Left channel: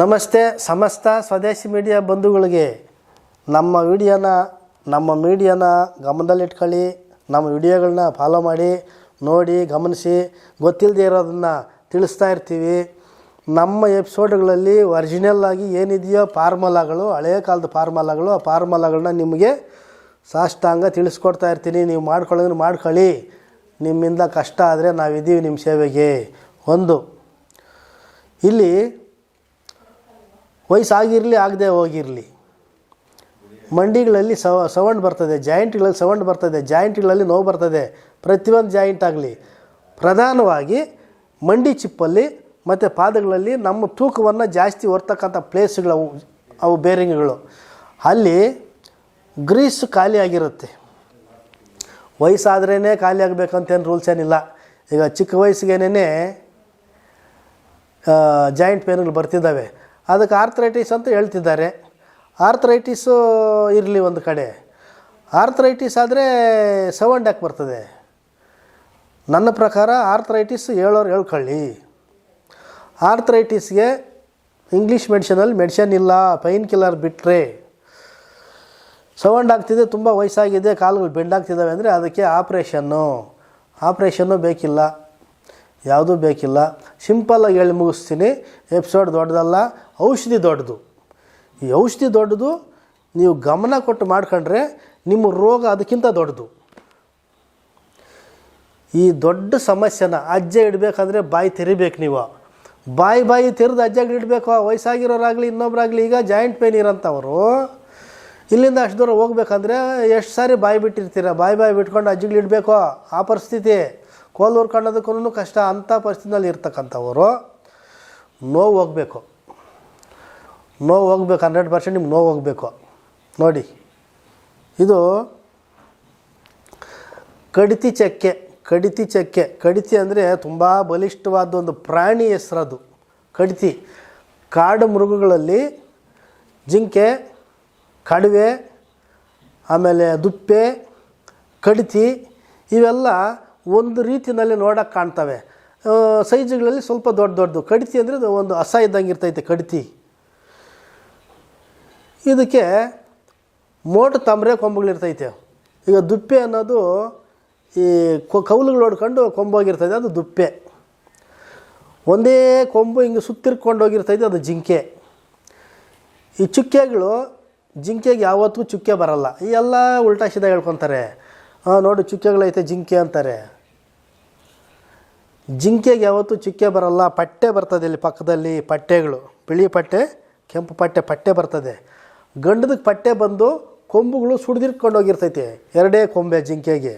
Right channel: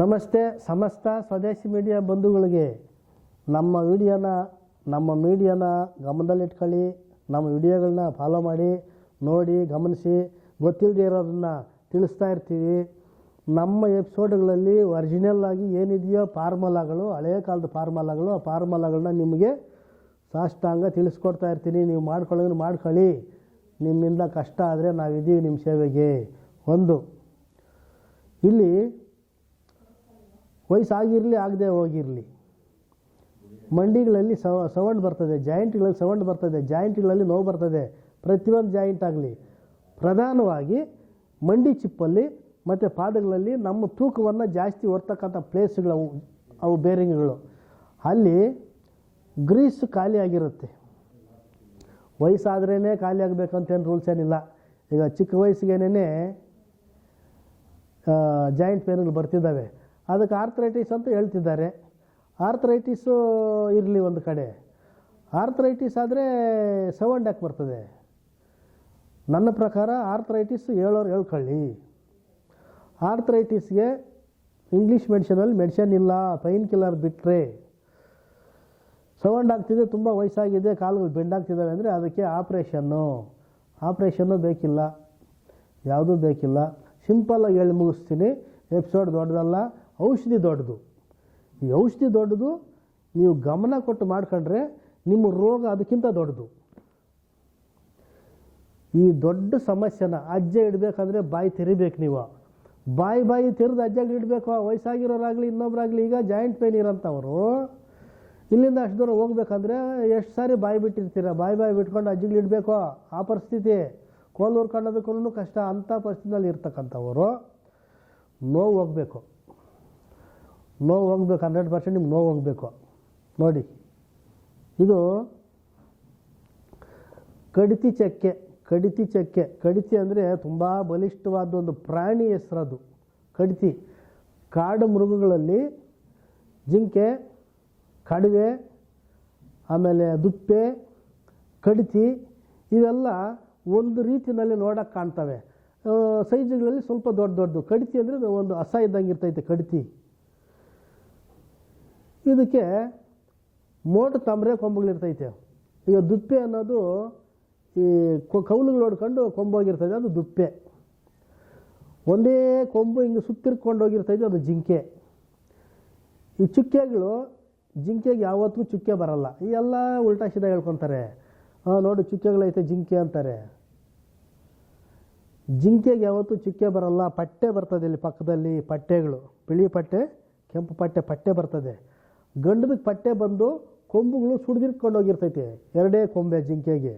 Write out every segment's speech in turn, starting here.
ನಮಸ್ತೆ, ಸಮಸ್ತ ಸ್ವದೇಶಿ ಮೀಡಿಯಾ ಬಂಧುಗಳಿಗೆ. ನಮ್ಮ ವಿಡಿಯೋನ, ನಮ್ಮ ಮೀಡಿಯಾನ ಗಮನದಲ್ಲಿಟ್ಕೊಳ್ಳಿ, ನಮ್ಮ ವಿಡಿಯೋಗಳನ್ನ ಫಾಲೋ ಮಾಡಿ, ನೋಡಿ, ಗಮನಿಸಿ ಗೊತ್ತಿಲ್ಲದೆ ಇರೋದನ್ನು ತಿಳಿಸ್ತಾ ಇರ್ತೀವಿ. ನಮ್ಮ ಎಪಿಸೋಡ್ಗಳಲ್ಲಿ ಒರಿಜಿನಲ್ ಆಗಿ ಏನಿದೆಯೋ ಫಾರ್ಮುಲಾಗಳು ಹಳೆಯ ಕಾಲದ ಫಾರ್ಮುಲಾಗಳು ಆ ಫಾರ್ಮುಲಾಗಳನ್ನ ನಿಮಗೆ ಸಾಷ್ಟಾಂಗ ತಿಳಿಸ್ಕೊಡ್ತಾ ಇರ್ತೀನಿ. ನೀವು ಮಾಡ್ಕೊಳ್ಳೋದ್ರೆ ಮಾಡ್ಕೊಳ್ಳಿ. ನಿಮ್ಮಿಂದ ಕಷ್ಟ ಆದರೆ ನಾವಿದ್ದೀವಿ ನಿಮ್ಮ ಸೇವೆಗೆ. ಒಂದು, ಇಲ್ಲಿ ವಯಸ್ಸಾಗಿರಲಿ ಆಗದೆ ಹೋಗಿರಲಿ. ಮಂಡಿಗಳಲ್ಲಿ ಸವ ಸೌಂಡ್ ಬರ್ತದೆ, ಜಾಯಿಂಟ್ಗಳಲ್ಲಿ ಸೌಂಡ್ ಬರ್ತದೆ, ಜಾಯಿಂಟ್ಗಳಲ್ಲಿ ನೋವು ಬರ್ತದೆ, ಪ್ರತಿಯೊಂದು ಜಾಯಿಂಟ್ ಆಗಲಿ. ಪ್ರಧಾನವಾಗಿ ಮಂಡಿ ಚಿಪ್ಪಲ್ಲಿ ಮತ್ತು ಪಾದಗಳಲ್ಲಿ ನಮ್ಮ ತೂಕವನ್ನು ಜಾಸ್ತಿ ಹೊರ್ತಕ್ಕಂಥ ಪ್ಲೇಸ್ಗಳು ಅವು ಅವು ಬೇರಿಂಗ್ಗಳು. ಅಲ್ಲಿ ಗ್ರೀಸ್ ಖಾಲಿ ಆಗಿರುತ್ತೆ. ವಯಸ್ಸಾದ್ರೇ ಖಾಲಿ ಆಗಬೇಕಂತೇನು ರೂಲ್ಸ್ ಏನಿಲ್ಲ. ಈಗ ಚಿಕ್ಕ ವಯಸ್ಸಿಗೇನೇ ಜಾಯಿಂಟ್ ಪೇನ್ಗಳು ಬರ್ತಿದ್ದಾವೆ. ಅದಕ್ಕೆ ಆರ್ಥ್ರೈಟಿಸ್ ಅಂತ ಹೇಳ್ತಿದ್ದಾರೆ. ಆರ್ಥ್ರೈಟಿಸು ಇರಲಿ ಒಂದು ಕಡೆ. ಆರ್ಥ್ರೈಟಿಸ್ ಆದರೆ ಸೌಂಡ್ ಯಾಕೆ ಬರ್ತದೆ. ನನ್ನ ಪ್ರಕಾರ ಆರ್ಥ್ರೈಟಿಸ್ ಹೇಳೋರು ಹೇಳ್ಕೊಳ್ಳಿ. ಆರ್ಥ್ರೈಟಿಸ್ಗೆ ಇಂಗ್ಲೀಷ್ ಮೆಡಿಷನಲ್ಲಿ ಮೆಡಿಷನ್ ಇಲ್ಲ ಪೈನ್ ಕಿಲ್ಲರ್ ಬಿಟ್ಟರೆ ಸೌಂಡ್ ಆಗ್ತಿದೆ, ತುಂಬ ವಯಸ್ಸಾಗಿದೆ, ಕಾಲುಗಳು ಬೆಂಡಾಗ್ತಿದ್ದಾವೆ ಅಂದರೆ ಅದಕ್ಕೆ ಆಪ್ರೇಷನ್ನು ಆಪ್ರೇಷನ್ನು ಬೇಕಿಲ್ಲ. ಯಾವುದೂ ಬೇಕಿಲ್ಲ. ಸಿಂಪಲ್ಲಾಗಿ ಹೇಳಿ ಮುಗಿಸ್ತೀನಿ. ಎಪಿಸೋಡ್ ದೊಡ್ಡದಲ್ಲ. ಔಷಧಿ ದೊಡ್ಡದು. ಈ ಔಷಧಿ ದೊಡ್ಡದು ನೀವು ಗಮನ ಕೊಟ್ಟು ಮಾಡ್ಕೊಂಡ್ರೆ ನಿಮ್ಮ ರೋಗ ಅದಕ್ಕಿಂತ ದೊಡ್ಡದು. ಈ ದೊಡ್ಡ ಸಮಸ್ಯೆನ ಅಜ್ಜ ಇಡಬೇಕಂದ್ರೆ ಬಾಯಿ ತೆರಿಬೇಕು ನೀವು. ಬಾಯಿ ಬಾಯಿ ತೆರೆದು ಅಜ್ಜಗೆ ಇಡಬೇಕು ವಯಸ್ಸಾಗಿರೋರಾಗಲಿ, ಇನ್ನೊಬ್ರಾಗಲಿ, ಈಗ ಜಾಯಿಂಟ್ ಪೇನ್ ಇರೋಂಥವ್ರು, ಇಲ್ಲಿಂದ ಅಷ್ಟು ದೂರ ಹೋಗ್ಬೇಕಂದ್ರೆ ಎಷ್ಟು ಸಾರಿ ಬಾಯಿ ಬಿಟ್ಟಿರ್ತೀರ? ಬಾಯಿ ಬಾಯಿ ಬಿಟ್ಕೊಂಡು ಅಜ್ಜಿಗಳು ಇಡಬೇಕು, ಆ ಪರಿಸ್ಥಿತಿ. ಕೋಲು ಹುರ್ಕೊಂಡೋದಕ್ಕೂ ಕಷ್ಟ, ಅಂಥ ಪರಿಸ್ಥಿತಿನಲ್ಲಿ ಇರ್ತಕ್ಕಂಥವರು. ನೋವು ಹೋಗಬೇಕು. ನೋವು ಹೋಗ್ಬೇಕು ಹಂಡ್ರೆಡ್ ಪರ್ಸೆಂಟ್ ನಿಮ್ಗೆ ನೋವು ಹೋಗಬೇಕು. ನೋಡಿ, ಇದು ಕಡಿತಿ ಚಕ್ಕೆ ಕಡಿತಿ ಚಕ್ಕೆ. ಕಡಿತಿ ಅಂದರೆ ತುಂಬ ಬಲಿಷ್ಠವಾದ ಒಂದು ಪ್ರಾಣಿ ಹೆಸರದು. ಕಡಿತಿ, ಕಾಡು ಮೃಗಗಳಲ್ಲಿ ಜಿಂಕೆ, ಕಡವೆ, ಆಮೇಲೆ ದುಪ್ಪೆ, ಕಡಿತಿ, ಇವೆಲ್ಲ ಒಂದು ರೀತಿಯಲ್ಲಿ ನೋಡೋಕ್ಕೆ ಕಾಣ್ತವೆ. ಸೈಜುಗಳಲ್ಲಿ ಸ್ವಲ್ಪ ದೊಡ್ಡ ದೊಡ್ಡದು. ಕಡಿತಿ ಅಂದರೆ ಒಂದು ಅಸ ಇದ್ದಂಗೆ ಇರ್ತೈತೆ ಕಡಿತಿ. ಇದಕ್ಕೆ ಮೋಟು ತಾಮ್ರೆ ಕೊಂಬುಗಳಿರ್ತೈತೆ. ಈಗ ದುಪ್ಪೆ ಅನ್ನೋದು ಈ ಕೌಲುಗಳು ಹೊಡ್ಕೊಂಡು ಕೊಂಬೋಗಿರ್ತೈತೆ ಅದು ದುಪ್ಪೆ. ಒಂದೇ ಕೊಂಬು ಹಿಂಗೆ ಸುತ್ತಿರ್ಕೊಂಡು ಹೋಗಿರ್ತೈತೆ, ಅದು ಜಿಂಕೆ. ಈ ಚುಕ್ಕೆಗಳು, ಜಿಂಕೆಗೆ ಯಾವತ್ತೂ ಚುಕ್ಕೆ ಬರಲ್ಲ. ಈ ಎಲ್ಲ ಉಲ್ಟಾ ಸೀದಾ ಹೇಳ್ಕೊತಾರೆ. ಹಾಂ ನೋಡು ಚುಕ್ಕೆಗಳೈತೆ, ಜಿಂಕೆ ಅಂತಾರೆ. ಜಿಂಕೆಗೆ ಯಾವತ್ತೂ ಚುಕ್ಕೆ ಬರಲ್ಲ, ಪಟ್ಟೆ ಬರ್ತದೆ ಇಲ್ಲಿ ಪಕ್ಕದಲ್ಲಿ, ಪಟ್ಟೆಗಳು. ಬಿಳಿ ಪಟ್ಟೆ, ಕೆಂಪು ಪಟ್ಟೆ ಪಟ್ಟೆ ಬರ್ತದೆ. ಗಂಡದಕ್ಕೆ ಪಟ್ಟೆ ಬಂದು ಕೊಂಬುಗಳು ಸುಡ್ದಿರ್ಕೊಂಡು ಹೋಗಿರ್ತೈತೆ. ಎರಡೇ ಕೊಂಬೆ ಜಿಂಕೆಗೆ.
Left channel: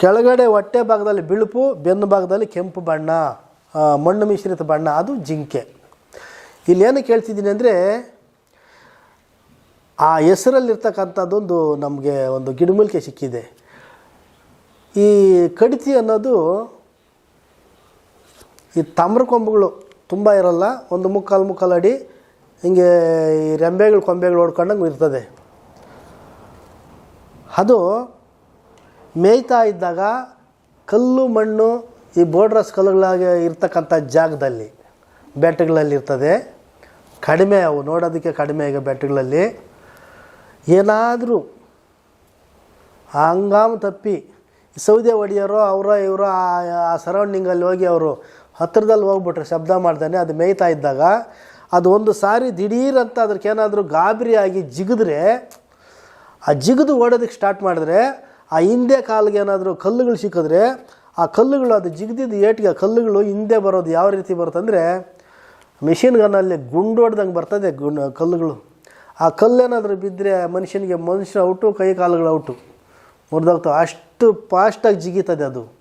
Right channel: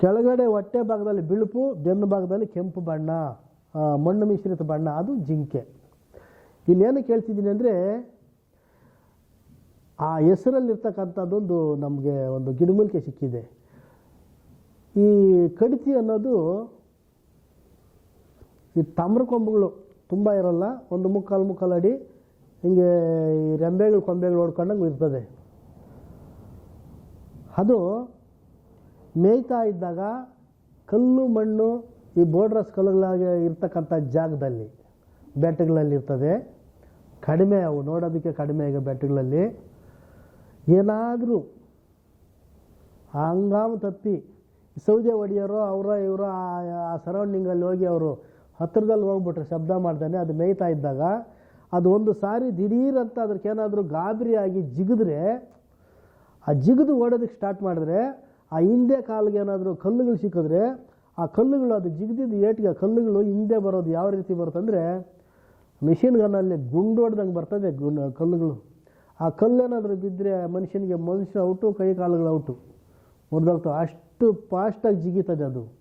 ಕೆಳಗಡೆ ಹೊಟ್ಟೆ ಭಾಗದಲ್ಲಿ ಬಿಳುಪು, ಬೆನ್ನು ಭಾಗದಲ್ಲಿ ಕೆಂಪು ಬಣ್ಣ ಮಣ್ಣು ಮಿಶ್ರಿತ ಬಣ್ಣ, ಅದು ಜಿಂಕೆ. ಇಲ್ಲೇನು ಕೇಳ್ತಿದ್ದೀನಿ ಅಂದರೆ, ಆ ಹೆಸರಲ್ಲಿರ್ತಕ್ಕಂಥದ್ದೊಂದು ನಮಗೆ ಒಂದು ಗಿಡಮೂಲಿಕೆ ಸಿಕ್ಕಿದೆ. ಈ ಕಡಿತಿ ಅನ್ನೋದು ಈ ತಾಮ್ರ ಕೊಂಬುಗಳು ತುಂಬ ಇರಲ್ಲ, ಒಂದು ಮುಕ್ಕಾಲು ಮುಕ್ಕಾಲು ಅಡಿ ಹಿಂಗೆ ಈ ರೆಂಬೆಗಳು, ಕೊಂಬೆಗಳು ಓಡ್ಕೊಂಡಂಗೆ ಇರ್ತದೆ. ಅದು ಮೇಯ್ತಾ ಇದ್ದಾಗ ಕಲ್ಲು, ಮಣ್ಣು ಈ ಬೋರ್ಡ್ರಸ್ ಕಲ್ಲುಗಳಾಗಿ ಇರ್ತಕ್ಕಂಥ ಜಾಗದಲ್ಲಿ ಬೆಟ್ಟಗಳಲ್ಲಿ ಇರ್ತದೆ. ಕಡಿಮೆ ಅವು, ನೋಡೋದಕ್ಕೆ ಕಡಿಮೆ ಈಗ ಬೆಟ್ಟಗಳಲ್ಲಿ ಏನಾದರೂ ಹಂಗಾಮ ತಪ್ಪಿ ಸೌದೆ ಒಡೆಯೋರು ಅವರೋ ಇವರೋ ಆ ಸರೌಂಡಿಂಗಲ್ಲಿ ಹೋಗಿ ಅವರು ಹತ್ತಿರದಲ್ಲಿ ಹೋಗ್ಬಿಟ್ರೆ ಶಬ್ದ ಮಾಡ್ತಾನೆ ಅದು ಮೇಯ್ತಾ ಇದ್ದಾಗ ಅದು ಒಂದು ಸಾರಿ ದಿಢೀರಂತ ಅದಕ್ಕೇನಾದರೂ ಗಾಬರಿಯಾಗಿ ಜಿಗಿದ್ರೆ, ಆ ಜಿಗಿದು ಓಡೋದಕ್ಕೆ ಸ್ಟಾರ್ಟ್ ಮಾಡಿದ್ರೆ, ಆ ಹಿಂದೆ ಕಾಲಿಗೆ ಏನಾದರೂ ಕಲ್ಲುಗಳು ಸಿಕ್ಕಿದ್ರೆ, ಆ ಕಲ್ಲುಗಳು ಅದು ಜಿಗಿದಿದ್ದು ಏಟಿಗೆ ಆ ಕಲ್ಲುಗಳು ಹಿಂದೆ ಬರೋದು ಯಾವ ರೀತಿ ಬರುತ್ತಂದರೆ ಮಿಷಿನ್ ಗನ್ನಲ್ಲಿ ಗುಂಡು ಹೊಡೆದಂಗೆ ಬರ್ತದೆ ಗುಂಡು, ಕಲ್ಲುಗಳು. ಆ ಕಲ್ಲೇನಾದರೂ ಬಿದ್ದರೆ ಮನುಷ್ಯನಿಗೆ ಮನುಷ್ಯ ಔಟು, ಕೈ ಕಾಲುಗಳು ಔಟು. ಮುರಿದೋಗ್ತವೆ. ಅಷ್ಟು ಫಾಸ್ಟಾಗಿ ಜಿಗಿತದೆ ಅದು.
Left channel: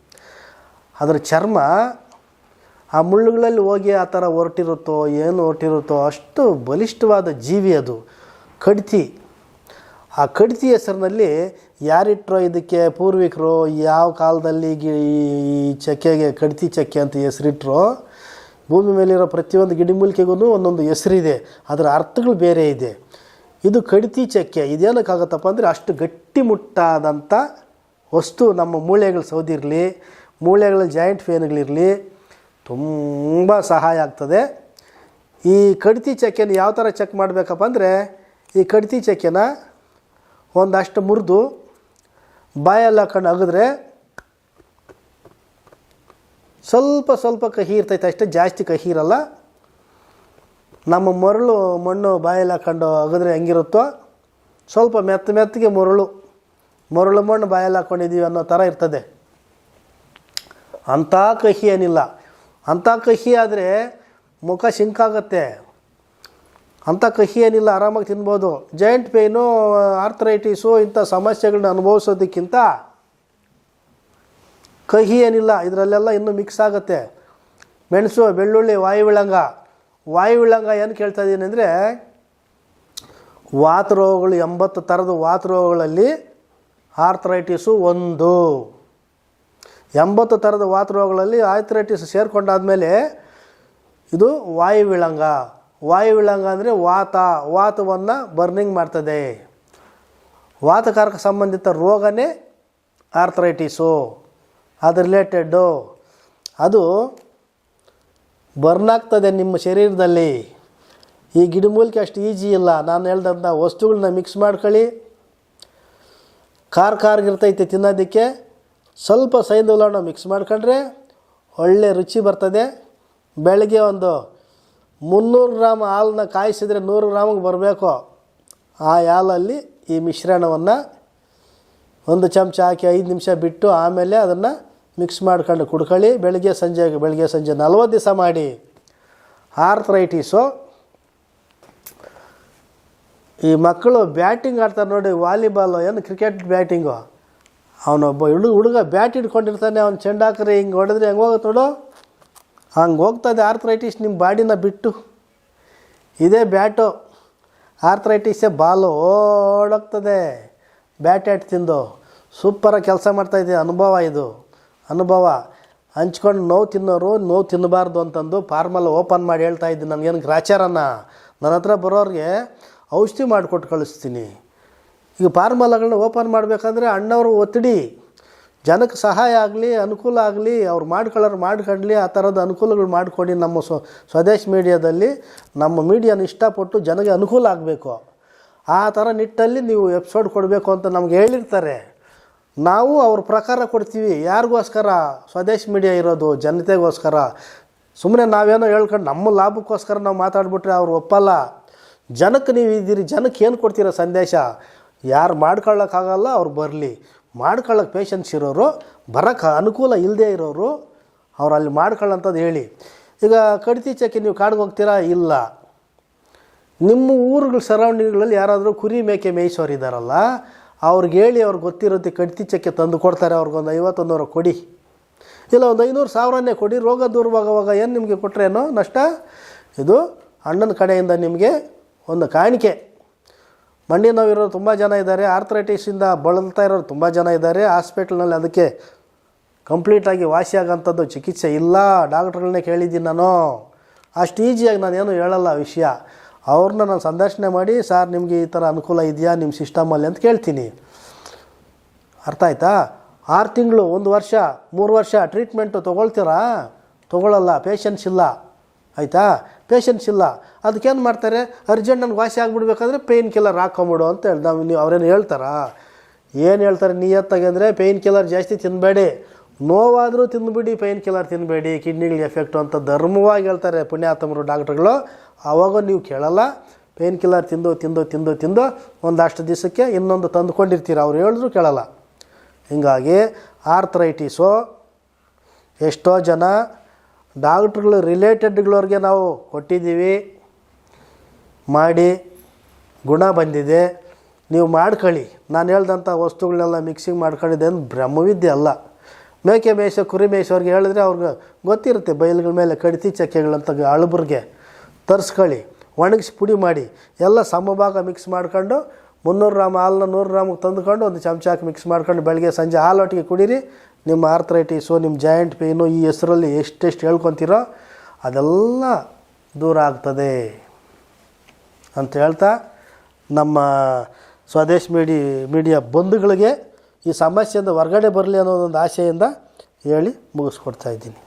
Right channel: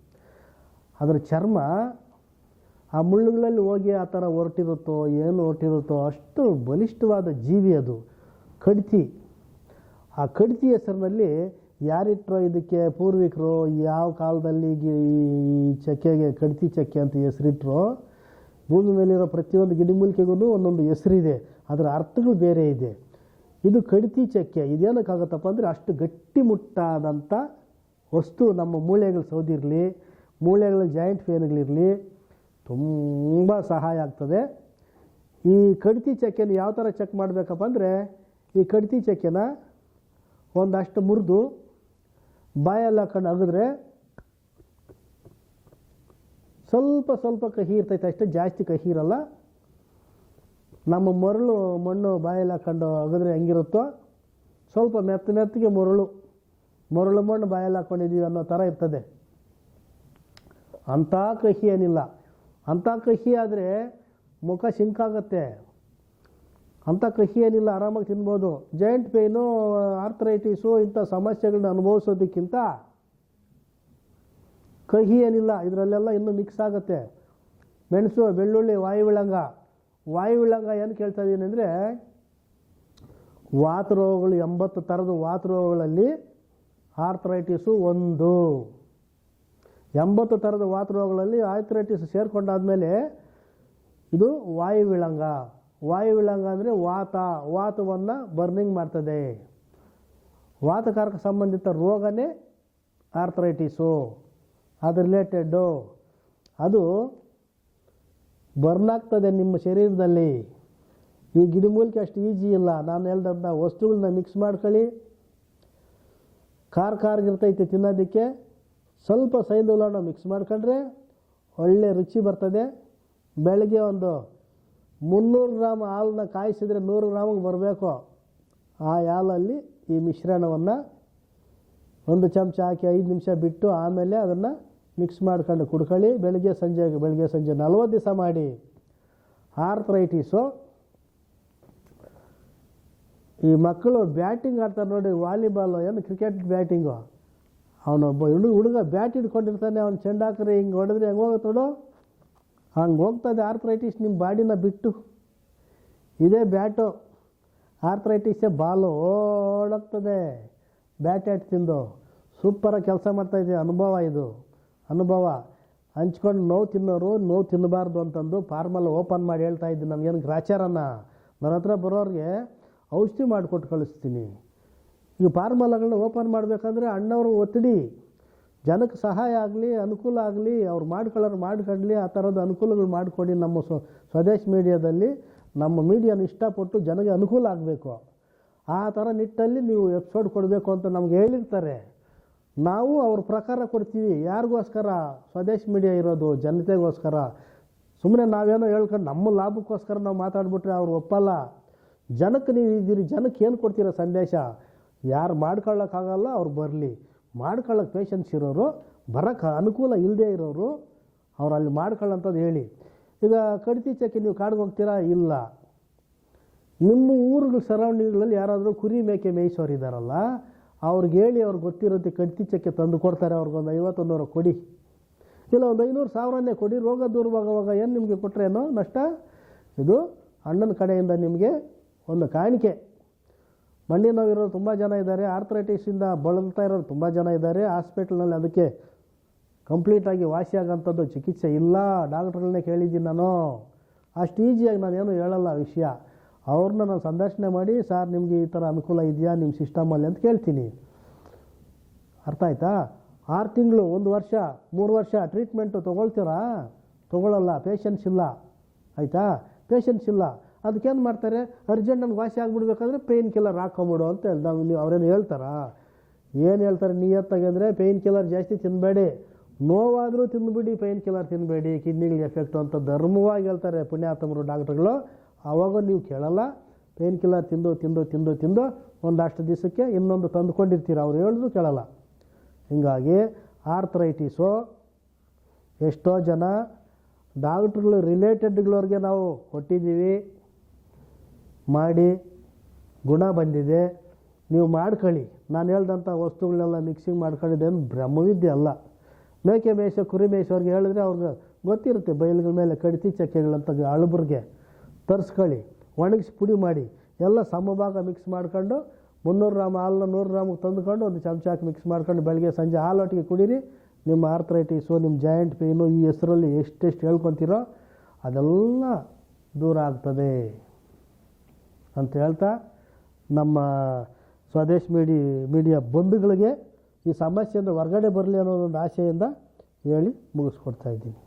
ಅದರ ಚರ್ಮ ಆ ಮುಳ್ಳುಗಳಲ್ಲಿ ಹೋಗಿ ಆ ಥರ ಹೊರಟಿರುತ್ತೋ, ಏನು ಹೊರಟಿರುತ್ತೋ, ಅಷ್ಟು ಬಲಿಷ್ಠವಾದ ಜೀವಿ ಅದು, ಕಡ್ತಿ. ಆ ಕಡ್ತಿ ಹೆಸರಿನಲ್ಲಿ ಯಾರಿಟ್ರೋ ಇದಕ್ಕೆ ಪೂರ್ವಿಕರು, ಯಾವ ಕಾಲದಲ್ಲಿ ಈ ಚಕ್ಕೆಗೆ, ಕಡ್ತಿ ಚಕ್ಕೆ ಅಂತ ಹೆಸರಿಟ್ರೋ, ಭೂಮಿ ಮೇಲಿರೋ ಪ್ರತಿಯೊಂದು ಗಿಡಮೂಲಿಕೆಗೂ ಒಂದೊಂದು ಹೆಸರಿದೆ. ಅದರ ಅರ್ಥಗಳು ಬೇರೆ ಇದೆ. ಇದು ಕಡಿತಿ ಚಕ್ಕೆ. ಇದೇನಕ್ಕಾಗತ್ತಪ್ಪ ಅಂದರೆ ಅಷ್ಟು ಗಟ್ಟಿಮುಟ್ಟಾದಂಥ ವಸ್ತು ನಮ್ಮ ಮೂಳೆಗಳು ಸೌದಿರಲಿ, ಮೂಳೆಗಳ ಜಾಯಿಂಟ್ ಫೇನ್ಗಳಿರಲಿ ತುಂಬ ಸಹಾಯ ಆಗ್ತದೆ. ಈ ಕಡ್ತಿ ಚಕ್ಕೆನ ಯಾವ ಥರ ಚೆಕ್ ಮಾಡಬೇಕಪ್ಪ ಅಂದರೆ, ಈ ಕಡ್ತಿ ಚಕ್ಕೆನ ಒಂದಷ್ಟು ಮುರಿದು ಬಾಯಲ್ಲಿ ಹಾಕೊಂಡು ಅಗಿದ್ರೆ ಸ್ವಲ್ಪ ಸ್ವಲ್ಪ ಕಹಿ ಇರ್ತೈತೆ. ಅಷ್ಟೇ ಜಾಸ್ತಿ ಕಹಿ ಇರಲ್ಲ. ನಮ್ಮ ಮರಳು ಮಣ್ಣು ಬಾಯಲ್ಲಿ ಹಾಕೊಂಡು ಅಗಿದ್ರೆ ಹೆಂಗಿರುತ್ತೋ, ಸ್ವಲ್ಪ ಮೆತ್ತ ಮೆತ್ತಗೆ ಮರಳು ಮರಳು ಮಣ್ಣು ಬಾಯಲ್ಲಿ ಹಾಕ್ಕೊಂಡಿದ್ದೀವಿ ಅನ್ನೋ ಥರ ಇರ್ತದೆ. ಅಂಥ ಕಹಿ ಏನಿಲ್ಲ. ಅಂಥ ಕಹಿ ಆದರೆ ಮುಖ ಶಿಂಕಾಗತ್ತೆ ಅಂಥ ಕಹಿ ಏನಿಲ್ಲ, ಆರಾಮಾಗಿ ತಿನ್ಬೋದು. ಜಾಯಿಂಟ್ ಪೇಯ್ನು ಆರ್ಥರೈಟಿಸು ಇಂಥ ಸಮಸ್ಯೆಗಳನ್ನ ಅನುಭವಿಸೋದಕ್ಕಿಂತ ಕಹಿ ಏನಿಲ್ಲ, ಇದರಲ್ಲೆಲ್ಲ ಇನ್ನೂ ಮಿಕ್ಸ್ ಆಗುತ್ತೆ. ಮೆಣಸು, ಬೆಳ್ಳುಳ್ಳಿ, ವಾಯುವಿಳಂಗ. ವಾಯುವಿಳಂಗ ಏನು ಕೇಳ್ತಾ ಇದ್ದೀನಿ ಅಂದರೆ, ವಾತ ರೋಗಗಳು ಎಂಬತ್ತು ಥರದ ವಾತ ರೋಗಗಳಲ್ಲಿ ಆರ್ಥರೈಟಿಸು ಒಂದು. ಎಂಬತ್ತು ಥರದ ವಾತ ರೋಗಗಳಲ್ಲಿ ಆರ್ಥರೈಟಿಸ್ ಸೇರಿಕೊಂಡಾದ್ಮೇಲೆ ಇದು ವಾಯುವಿಳಂಗ ವಾಯುವಿಳಂಗ ಅಂದರೆ ವಾತ, ವಾತವನ್ನು ಬರ್ನಿಂಗ್ ಮಾಡ್ತದೆ. ವಾತಕಾರಕ ಸಂಬಂಧಿತ ರೋಗನೇ ಆರ್ಥರೈಟಿಸು ಅದು ರಿಲೇಟೆಡ್ಡು ಅದು ಬರ್ನ್ ಆಗ್ತದೆ ನಿಮ್ಮ ಶರೀರದಲ್ಲಿ. ಈ ಗಿಡಮೂಲಿಕೆ ಅಷ್ಟು ಈಜಿ ಇಲ್ಲ. ನಾನು ಹೇಳ್ದಂಥ ವಸ್ತುಗಳನ್ನ ಮಿಕ್ಸ್ ಮಾಡ್ಕೊಳ್ಳಿ. ಖಾರ ಖಾರ್ಗಿರ್ತೈತೆ ತಿನ್ನೋದಕ್ಕೆ. ಸ್ವಲ್ಪ ಲವಣ ಮಿಕ್ಸ್ ಮಾಡ್ಕೊಂಡ್ರೆ ಒಳ್ಳೆ ರುಚಿ ಬರ್ತದೆ. ಬೆಳಗ್ಗೆ ಒಂದು ಮುನ್ನೂರು ಗ್ರಾಮ್ ಹಾಲನ್ನ ಕಾಯಿಸಿದರೆ ನೂರು ಗ್ರಾಮಿಗೆ ಬರಬೇಕು. ಆ ಹಾಲಲ್ಲಿ ಈ ಮಿಶ್ರಣವನ್ನು ಒಂದು ಚಮಚ ಹಾಕಿ ಐದು ನಿಮಿಷ ಬಿಟ್ಟು ಆಮೇಲೆ ಅದನ್ನು ಮಿಕ್ಸ್ ಮಾಡ್ಕೊಂಡು ಕುಡ್ಕೊಳ್ಳಿ. ಬೆಳಗ್ಗೆ ಸಂಜೆ ಬೆಳಗ್ಗೆ ಸಂಜೆ ನಲ್ವತ್ತು ದಿವಸ ಮಾಡಿ. ಆರ್ಥ್ರೈಟಿಸು. ಈ ಮಕ್ಕಳು ಬ್ಯಾಟಿಂಗ್ ಆಡ್ತಾರೆ ನೋಡಿ, ವಾಲಿಬಾಲು ಏನು, ಕ್ರಿಕೆಟ್ ಬ್ಯಾಟಿಂಗು. ಅವನೊಬ್ಬ ಹುಡುಗ ಹುಡುಗ ಬ್ಯಾಟ್ ಹಿಡ್ಕೊಂಡಿರ್ತಾನೆ, ಅವ್ನು ಚೆಂಡಾಕ್ರೆ ಹಿಂಗೆ ಹೊಡೆದ್ರೆ ಹೆಂಗೆ ಹೋಗುತ್ತೆ ನೋಡು? ಹಂಗೆ ಹೋಗ್ತದೆ ಆರ್ಥ್ರೈಟಿಸ್ ನಿಮ್ಮ ಬಾಡಿನ ಬಿಟ್ಟು. ಇದೇ ಬ್ಯಾಟು ಆರ್ಥರೈಟಿಸೇ ಬಾಲು ಓಡೋಗ್ತದೆ. ಬ್ಯಾಟ್ ಆಟ್ ತಿಂದು. ಸೂಪರಾಗಿ ಕೆಲಸ ಮಾಡ್ತಾಯಿದ್ದೆ ಅನುಭವ ಇದು. ಅನುಭವ. ಹಂಚ್ಕೊಂಡು ನೋವು ತಿನ್ನೋರು, ನೋವು ತಿನ್ನಬಾರ್ದು ಅಂತಂದು ಫಾರ್ಮಲ್ ಓಪನ್ ಮಾಡಿ ಹೇಳ್ತಾ ಇದ್ದೀನಿ. ನನಗೇನು ಗ್ರಾಚಾರನ? ನನ್ನ ಹತ್ರ ಬರೋರಿಗೆ ಔಷಧಿ ಮಾಡಿಕೊಟ್ಟು ಕಳಿಸ್ತೀನಿ. ಈಗ ಫಾರ್ಮಲಗಳನ್ನ ಓಪನ್ ಮಾಡಬೇಕಂದ್ರೆ ಅಣ್ಣವರು ಒತ್ತಡಿ ಜನಕ್ಕೆ ಸಹಾಯ ಆಗಲಿ, ಅನುಕೂಲ ಆಗಲಿ, ಅವ್ರು ಮಾಡ್ಕೊಳ್ಳೋರು ಮಾಡ್ಕೊಳ್ಳಿ ಆ ಥರದ ಅನುಕೂಲಗಳು ಮಾಡಿಕೊಡಿ ನಮ್ಮ ಸ್ವ, ಸ್ವದೇಶ್ ಮೀಡಿಯಾದಲ್ಲಿ ನಮ್ಮ ಮೀಡಿಯಾನ ಇಷ್ಟಪಟ್ಟು ಜನಗೆ ಅನುಕೂಲ ಆಗಬೇಕು. ಆ ಥರ ನಿಟ್ಟಲ್ಲಿ ನೀವು ಎಪಿಸೋಡ್ ಕೊಡಬೇಕು ಅಂತ ನಮ್ಗೆ ಹೇಳಿರ್ತಾರೆ. ನಾವು ಅವ್ರ ಪ್ರಕಾರ ಕೊಡ್ತೀವಿ. ಯಾರಿಗೋಸ್ಕರ? ಸ್ವದೇಶ ಮೀಡಿಯಾ ಇರೋದು, ಜನತೆಗೋಸ್ಕರ. ಸುಮ್ಮನೆ ನಾವೇನೋ ಹೇಳ್ಕೊಂಡು ನಮ್ಮ ಲಾಭಕ್ಕೋಸ್ಕರ ನಾವು ಮಾತಾಡ್ಬಿಟ್ರೆ ಅವ್ರು ಒಪ್ಪಲ್ಲ. ಜನಕ್ಕೆ ನೀವು ಇದ್ದೀರಿ, ಜನಕ್ಕೆ ಏನು ಕೊಡ್ತೀರ ಸಂದೇಶ? ಯಾರು ಮಾಡ್ಕೊಳ್ಳೋಕ್ಕಾಗಲ್ಲ, ಅವ್ರು ಬರಲಿ. ಮಾಡ್ಕೊಳ್ಳೋಕೆ ಪೇಷನ್ಸ್ ಇರೋರು ಬರೋಕ್ಕೆ ಅನುಕೂಲ ಇಲ್ಲದೇ ಇರೋರು ಅವ್ರು ಅಲ್ಲಿ ಮಾಡ್ಕೊಳ್ಳೋಂಥದ್ದು ಹೇಳಿ. ಈಗ ಕಡಿತಿ ಚಕ್ಕೆ ನೀವು ಕಾಡಿಗೆ ಹೋಗ್ತೀರಾ? ಇಲ್ಲ. ನಿಮ್ಮ ಊರುಗಳ ಸರೌಂಡಿಂಗ್ಗಳಲ್ಲಿ ಯಾರಾದರೂ ಕುರಿ ಮೇಕೆ ಮೇಯಿಸೋರು ಇದ್ದಾರಲ್ಲ ಅವ್ರಿಗೆ ಹೇಳಿ ಅವ್ರಿಗೆ ಗೊತ್ತಿರುತ್ತೆ ಕಡಿತಿ ಚಕ್ಕೆ ತಂದು ಕೊಡ್ತಾರೆ ಅವ್ರಿಗೊಂದು ಐವತ್ತೊಂದು ನೂರು ಕೊಡಿ. ಇಲ್ಲ, ಒಂದು ಐನೂರು ಸಾವಿರನೇ ಕೊಡಿ, ರೋಗ ದೂರವಾಗುವಾಗ ಏನು ನಿಮಗೆ ಕೊಟ್ಟರೇನೋ ನಷ್ಟ? ಇದು ಅಣ್ಣನ ಕಡೆಯಿಂದ ನಿಮಗೆ ಒಂದು ಕಾಣಿಕೆ. ಮಂಡಿ ನೋವಿರೋರು ತುಂಬ ಜನ ಇದ್ದಾರೆ. ಆರ್ಥರೈಟಿಸಿಂದ ಬಳಲ್ತಾ ಇರೋರು ತುಂಬ ಜನ ಇದ್ದಾರೆ. ಹಾಸ್ಪಿಟ್ಲ್ನಲ್ಲಿ ಅದಕ್ಕೆ ಕಂಪ್ಲೀಟಾಗಿ ವಾಸಿಯಾಗೋಂಥದ್ದು ಚಿಕಿತ್ಸೆ ಇಲ್ಲ. ಡಾಕ್ಟ್ರುಗಳನ್ನೇ ಕೇಳಿದ್ದೀನಿ ನಾನು. ಅಷ್ಟು ಈಸಿಯಾಗಿ ನಾನೇನು ಹೇಳಲ್ಲ ವಿಷಯ. ಅವ್ರನ್ನ ನಾನು ಸಂದರ್ಶನೆ ಮಾಡಿ, ಸರ್, ನಿಮಗೆ ಈ ಥರ ಅನುಕೂಲ ಇದೆಯಾ? ನಿಮ್ಮ ಸಿಸ್ಟಮಲ್ಲಿ ಅಂತ ಕೇಳ್ತೀನಿ. ಅರ್ಥ ಆಯ್ತಾ? ಆರು ತಿಂಗಳು, ಒಂದು ವರ್ಷ, ಮೂರು ವರ್ಷ ಟ್ರೀಟ್ಮೆಂಟು ತೊಗೊಳ್ತೀರಾ? ತೊಗೊಳ್ಳಲ್ಲ ಪೇಷನ್ಸ್ ಇಲ್ಲ. ಆಯಿತಾ? ಪೇಷನ್ಸ್ ಇಲ್ಲ. ಅದಕ್ಕೇನು ಮಾಡ್ತಾರೆ? ಅರ್ಜೆಂಟ್ ನನಗೆ ವಾಸಿ ಆಗಿಬಿಡ್ಬೇಕಾದ್ರೆ ಪೇಯ್ನ್ ಕಿಲ್ಲರ್ ಹಾಕೊಂಬಿಡು ಅಂತ ಹೇಳಿ, ನಾವು ನೀವು ಅವ್ರೇನು ಹೇಳ್ತಾರಾ? ಏನು ಹೇಳ್ತಾರೆ ನಿಯತ್ತಾಗಿ ಅಂದರೆ ಪೇಯ್ನ್ ಕಿಲ್ಲರ್ ಜಾಸ್ತಿ ತಿನ್ನಬೇಡಿ ನೋವಾದರೂ ತಿಂದುಬಿಡಿ ಪೇಯ್ನ್ ಕಿಲ್ಲರ್ ತಿನ್ನಬೇಡಿ ಕಿಡ್ನಿಗಳಿಗೆ ಎಫೆಕ್ಟು ಅಂತ ಧರ್ಮವಾಗಿ ಹೇಳ್ತಾರೆ ಪುಣ್ಯಾತ್ಮರು, ಡಾಕ್ಟ್ರುಗಳು. ಆವಾಗ ನೀವು ಕೇಳಲ್ಲ. ಪೇಯ್ನ್ ಕಿಲ್ಲರ್ ತಿಂದು ತಿಂದು ತಿಂದು ತಿಂದು ಒಂದಷ್ಟು ದಿವಸಕ್ಕೆ ಇನ್ನೊಂದು ತಂದುಕೊಂಡಿರ್ತೀರ? ಅವ್ರು ಹೇಳಿದ್ರು ಕೇಳಲ್ಲ. ಹೀಗಾಗಿ ಆರ್ಥರೈಟಿಸು. ಎಷ್ಟೋ ಜನ ಡಾಕ್ಟ್ರುಗಳು ರಿಲೇಟೆಡ್ಗಳವ್ರಿಗೆ ನಾವು ಕೊಟ್ಟಿದ್ದೀವಿ. ಮಾಡಿ ಗುಣ ಬಂದಿದೆ. ನೀವು ಮಾಡ್ಕೊಳ್ಳಿ. ನಾನು ಹೇಳ್ದಂಥ ವಸ್ತುಗಳನ್ನೆಲ್ಲ ಮಿಕ್ಸಿಂಗ್ ಮಾಡ್ಕೊಂಡಿದ್ದೆ ಅಂದ್ರೆ ಬ್ರಹ್ಮವಿದ್ಯೆ ಅಲ್ಲ. ಮೇಕೆ ಮೇಯ್ಸೋ ಕುರಿ ಮೇಯ್ಸೋರ್ಗೆ ಹೇಳಿದ್ರೆ ಅವ್ರಿಗೆ ಗೊತ್ತಿರುತ್ತೆ ಬಯಲುಗಳ ಮೇಲೆ ಕಡಿತಿ ಚಕ್ಕೆಗಳಂತ ಅಳಬ್ರಿಗೆ. ತರಿಸ್ಕೊಳ್ಳಿ. ಒಣಗಿಸಿ ಪುಡಿ ಮಾಡಿ. ಎಲ್ಲ ಸಮಭಾಗ ಮಿಕ್ಸ್ ಮಾಡ್ಕೊಂಡು ಮುನ್ನೂರು ಗ್ರಾಮ್ ಹಾಲನ್ನ ನೂರು ಗ್ರಾಮಿಗೆ ತಂದುಕೊಂಡು ಒಂದು ಚಮಚ ಹಾಕಿ ಮಿಕ್ಸ್ ಮಾಡ್ಕೊಂಡು ಬೆಳಗ್ಗೆ ಸಂಜೆ ಹಾಲೊಟ್ಟಿಗೆ ಕುಡೀರಿ. ನಿಮ್ಮ ಆರ್ಥರೈಟಿಸು ನಿಮ್ಮ ಜಾಯಿಂಟ್ ಪೇಯ್ನು ಈ ಹೆಸರಲ್ಲಿ ಎಷ್ಟೆಷ್ಟು ಹೇಳ್ಕೊತೀರೋ ಅದೆಲ್ಲ ದೂರ ಆಗ್ತದೆ. ಅಂತ ಹೇಳ್ತಾ ನಮ್ಮ ಸ್ವದೇಶ್ ಮೀಡಿ, ಮೀಡಿಯಾ ಬಂಧುಗಳಿಗೆ ಈ ಸಮಸ್ಯೆಯಿಂದ ಹೊರಗಡೆ ಬರಲಿ ಅನ್ನೋದೊಂದು ಆಶೆಯಿಂದ ಹೇಳಿ ಮುಗಿಸ್ಕೊಡ್ತಾ ಇದ್ದೀನಿ.